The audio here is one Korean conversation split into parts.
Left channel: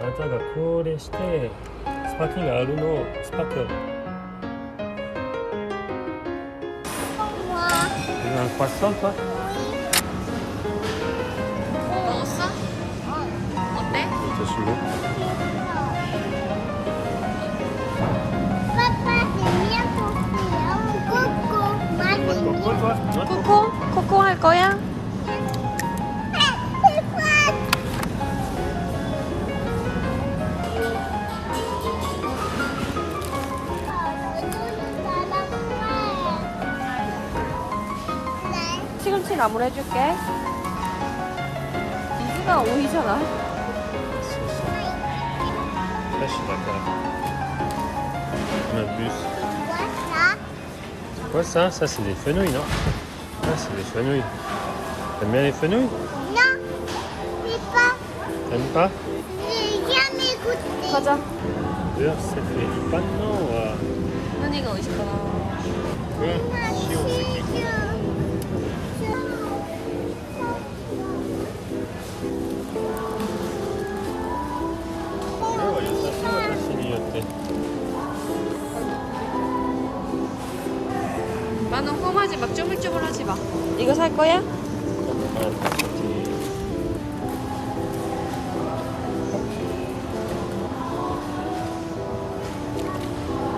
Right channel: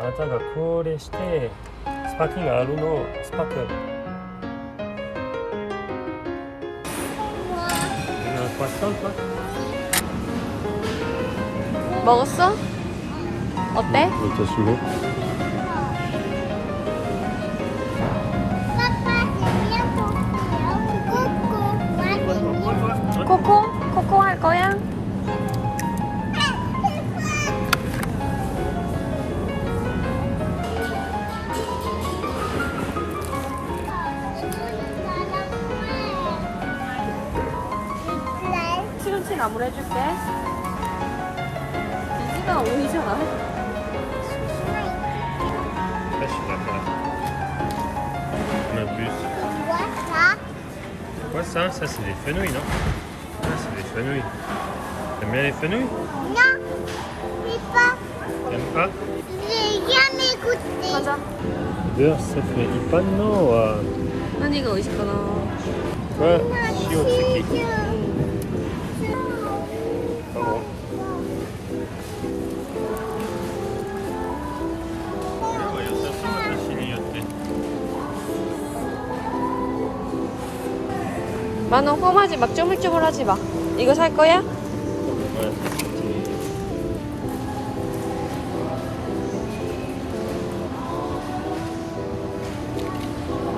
あなたがこれしてスパーキングあるの使ってる。먹었어? 어때? 진짜 싫어? 코코? 코코 할 거야? 시금치 나물 해줄게. 이수가 오이잖아. On abuse. Quoi ça? Ça c'est des fenouils, non? Ah, c'est des fenouils. T'aimes bien les fenouils? Non, c'est pas. T'aimes pas? J'ai jamais goûté. Beurre, ça fait du panno. 한이가 오이시거나. Ouais, si on sait qui. 만원 험하지 막 쪼물쪼물하지 마. 이거 살 거야?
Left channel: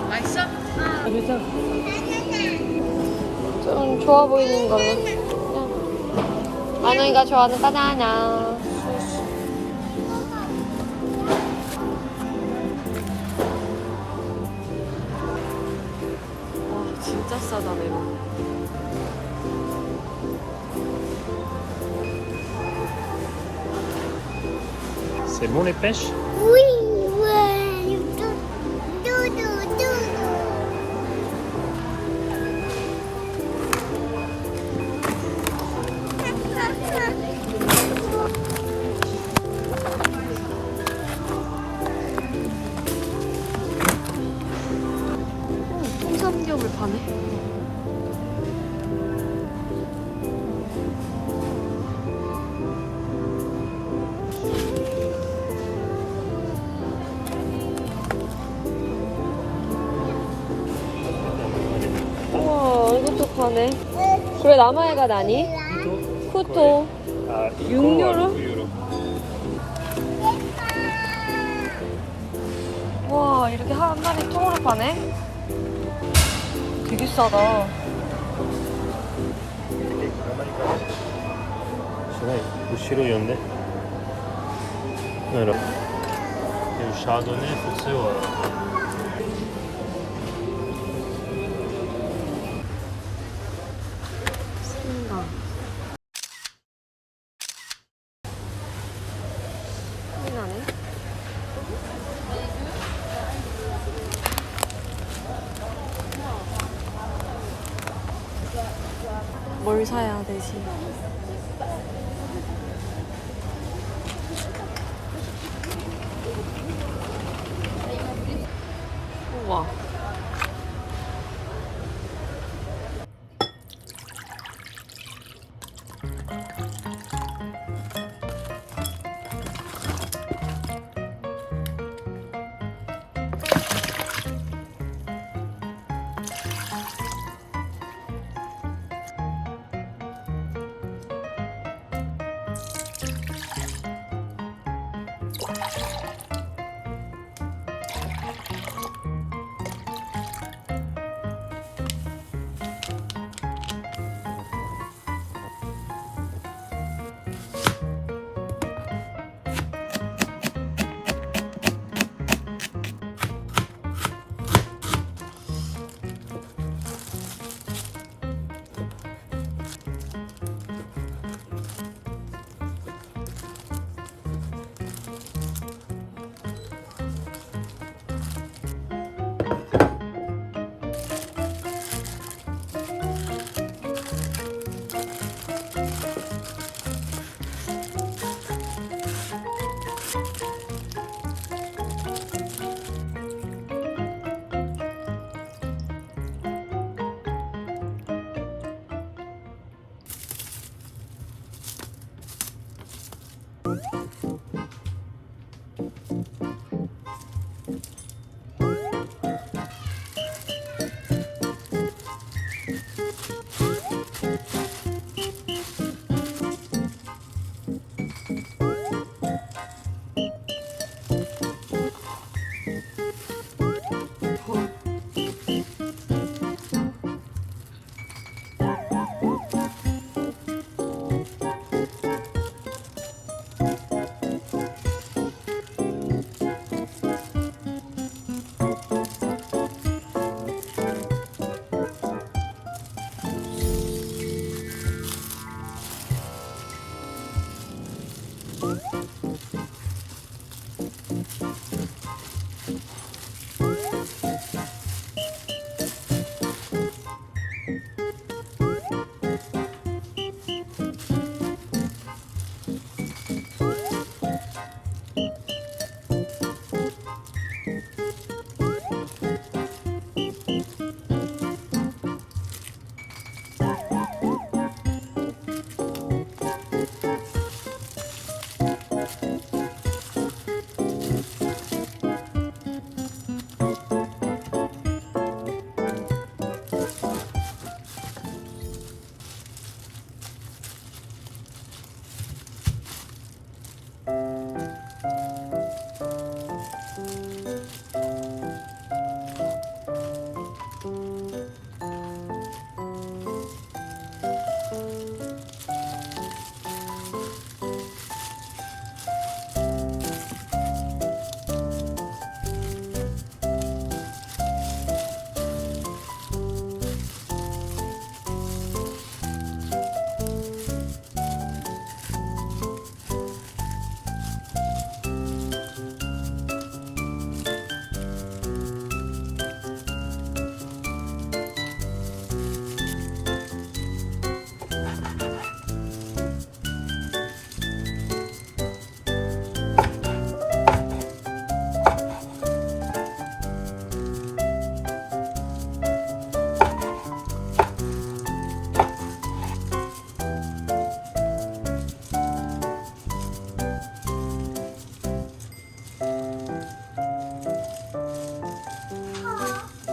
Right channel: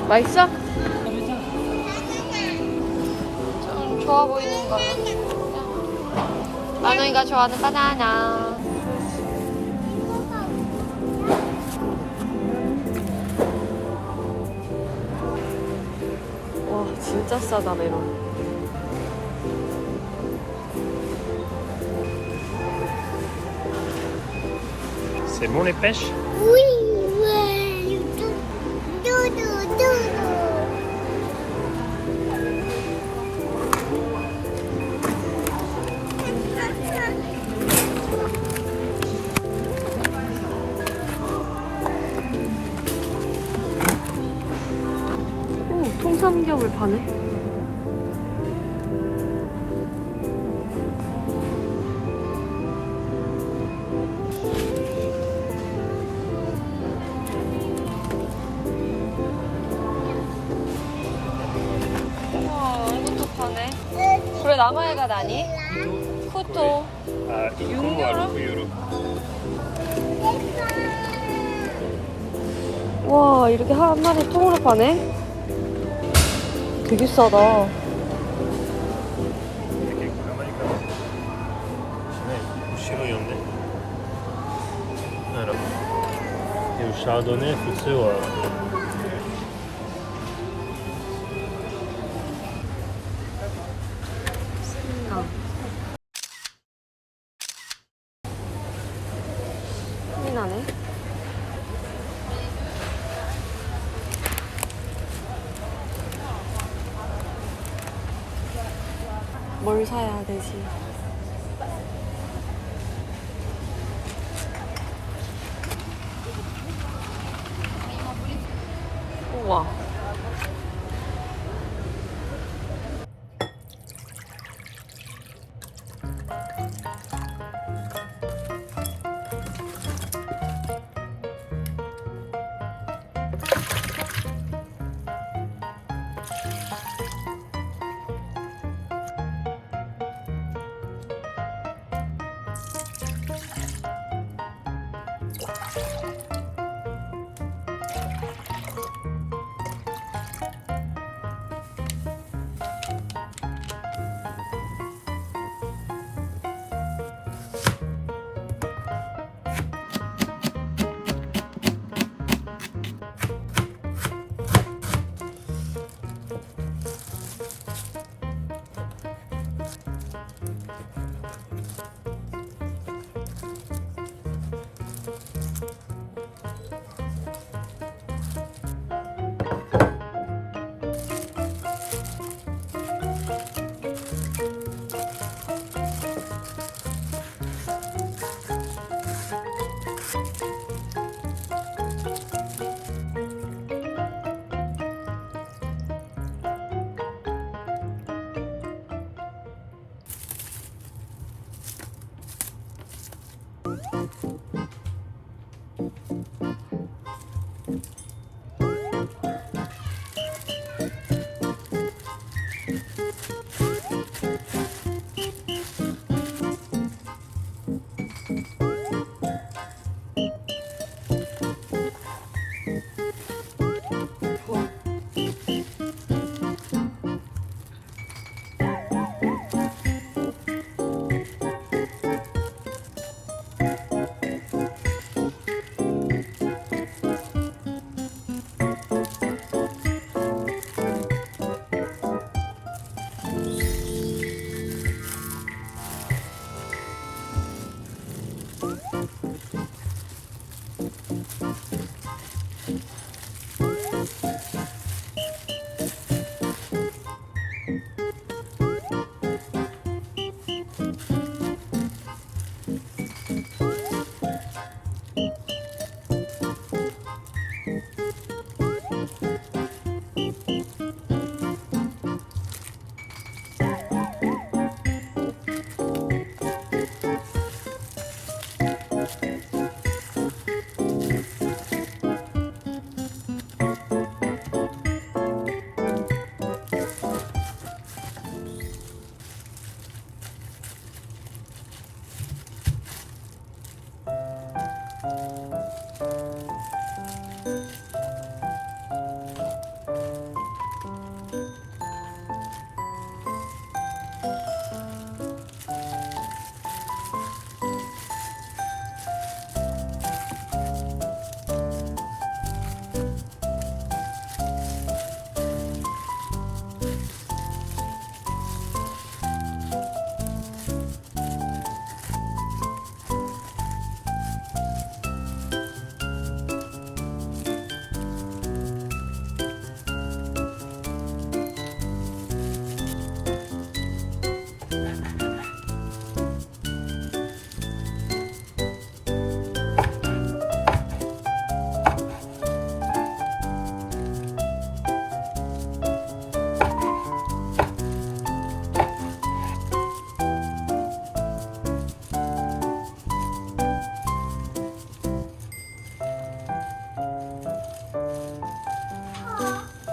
맛있어? 좀 좋아 보이는 걸로. 만원이가 좋아하는 바나나. 와 진짜 싸다 메론. C'est bon les pêches? Oui, ouais. Doudou. 오, 통삼겹을 파네. 우와, 이것도 파네. 그래, 남아야가 나니? 쿠토. 6유로? 6유로. 와, 이렇게 한 마리 통으로 파네? 되게 싸다.後ろ読んで。なんやろ。でもシャードね、普通は。생강. 힘이 나네. 뭘 사야 되지? 우와.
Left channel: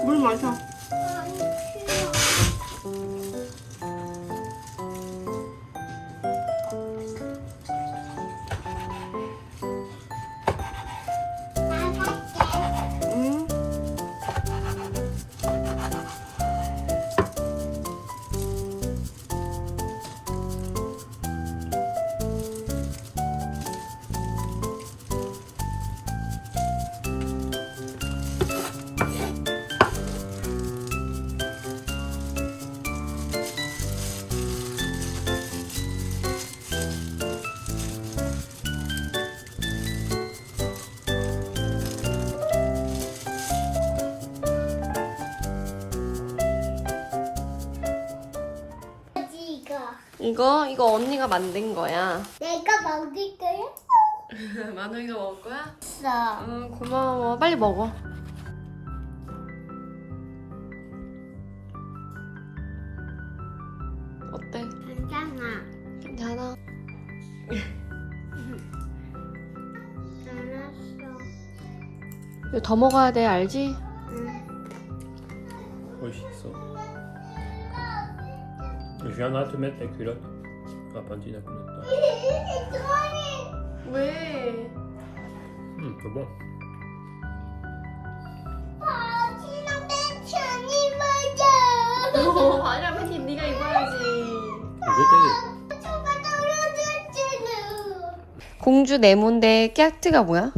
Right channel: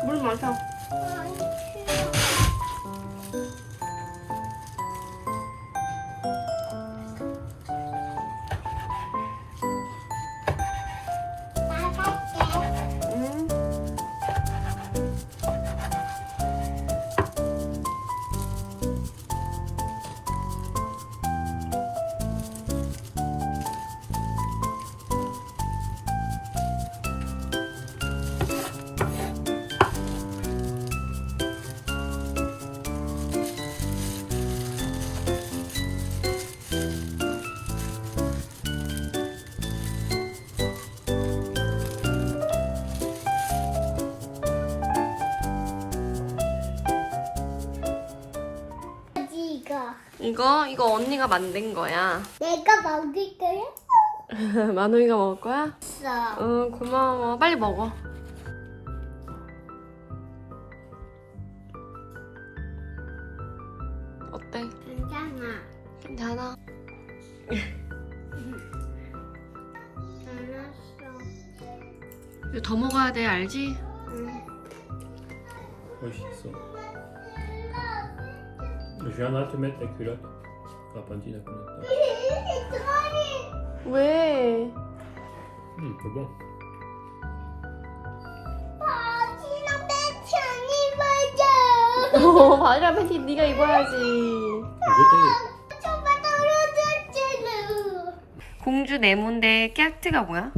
물 마셔. 응. 이거 언니가 만든 거야. 내가 먹을 거야? 만우이가 먹을 거야? 있어. 응, 고마워. 빨리 먹어. 어때? 괜찮아. 괜찮아. 알았어. 이거 더 먹어야 돼, 알지? 응. 멋있어. Je viendrai te mettre ta culotte. Appendi la culotte. 왜? C'est bon. 바지랑 내 천이 맞아. 바지랑 팬티 네가 입어야지. Je 손바닥으로 줬잖아. 공주 네모인데 깨악트가 뭐야?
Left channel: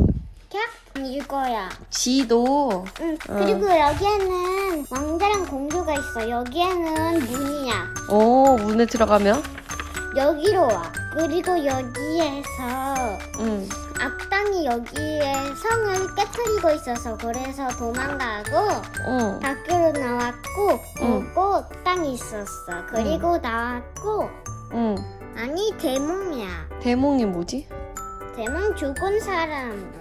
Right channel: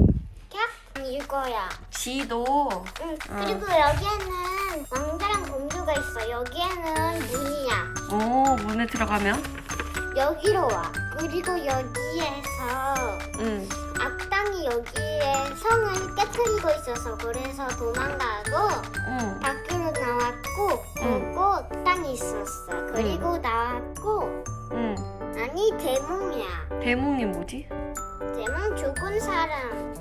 이거야. 지도. 응. 그리고 여기에는 왕자랑 공주가 있어. 여기에는 문이야. 오, 문에 들어가면? 여기로 와. 그리고 여기에서 응. 악당이 여기에 성을 깨뜨리고 있어서 그래서 도망가고 응. 밖으로 나왔고 응. 그리고 땅이 있었어. 그리고 나왔고 응. 아니 대몽이야. 대몽이 뭐지? 대몽 죽은 사람.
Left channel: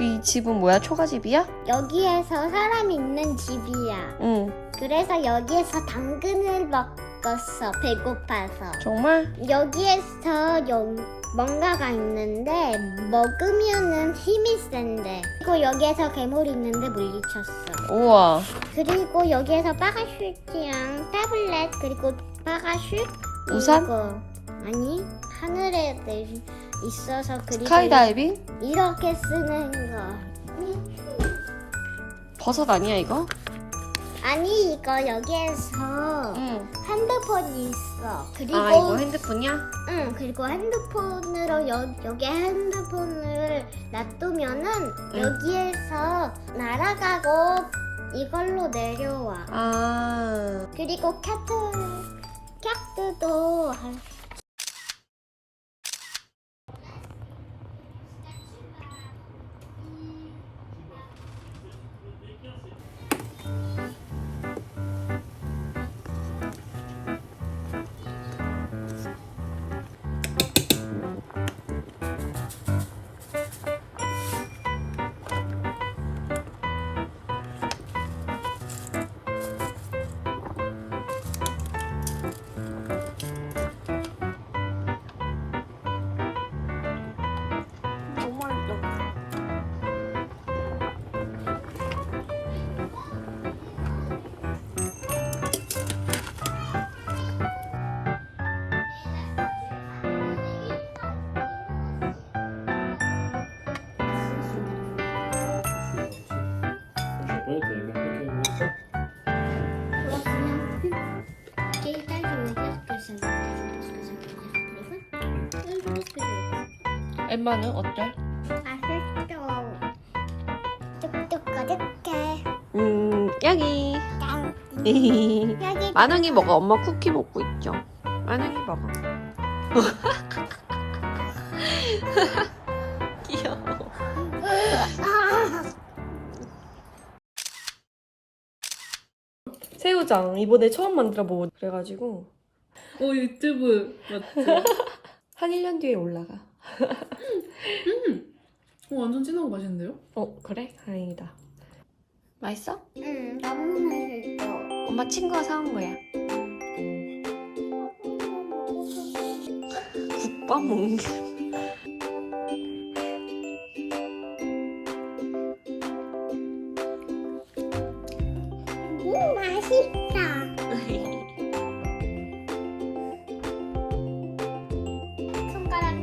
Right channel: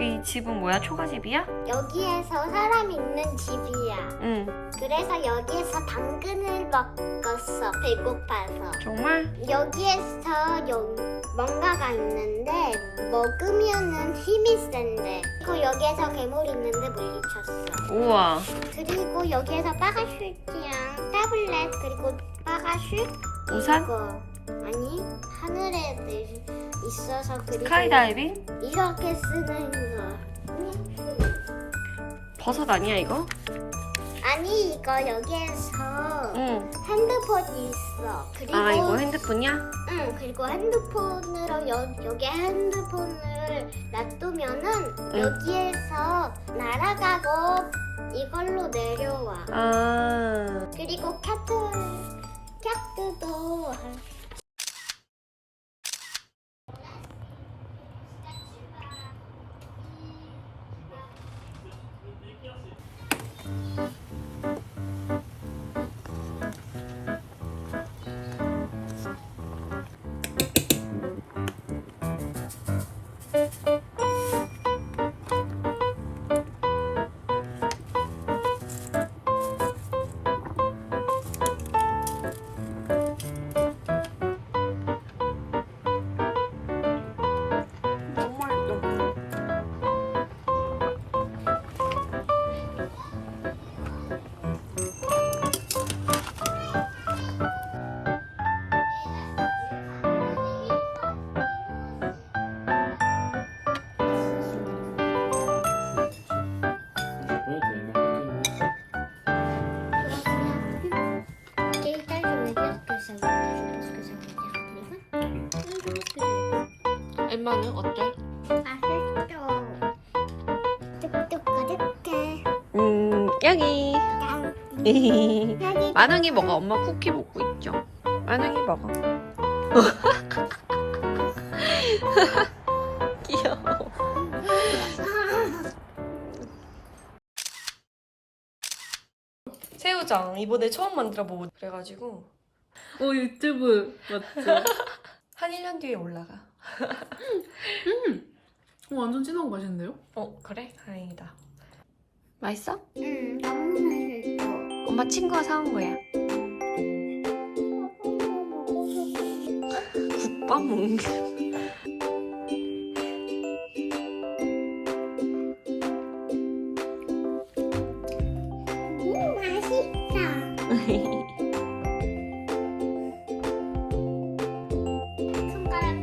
이 집은 뭐야? 초가집이야? 여기에서 사람 있는 집이야. 응. 그래서 여기에서 당근을 먹었어. 배고파서. 정말? 여기에서 뭔가가 있는데 먹으면은 힘이 센데. 그리고 여기에서 괴물이 있는데 물리쳤어. 우와. 그리고 여기에서 파라슈트랑 타블렛 그리고 파라슈트 우산? 그리고 아니 하늘에 있어서 그리고 스카이다이빙? 이렇게 쓰는 거. 버섯 아니야 이거? 아니 이거 여기에서 응. 핸드폰이 있어. 그리고 아 이거 핸드폰이야? 응 그리고 핸드폰으로 여기 핸드폰을 놔두면은 응. 여기에서 날아가고 이걸로 내려와. 아. 그리고 캣트도 엠마는 어때? 맛있어. 뚝뚝 거득해. 여기. 짠. 여기 만웅이 먹어. 엄마 쿠키 먹고 있죠. 만웅이 먹어. 귀여워. 새우장 이번에 처음 만들어 보고 그래가지고 유튜브 맞죠? 한 1년 뒤에 올라가. 완전 진한 거 맛있는데요? 그래? 다행이다. 맛있어? 응, 너무 맛있어. 엄마 친구가 사온 거야. 국밥 먹는 게. 맛있다. 손가락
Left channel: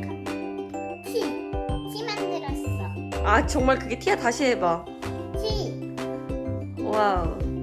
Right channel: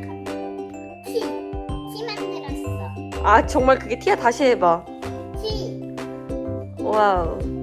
티 만들었어. 아 정말 그게 티야? 다시 해봐. 티. 와우.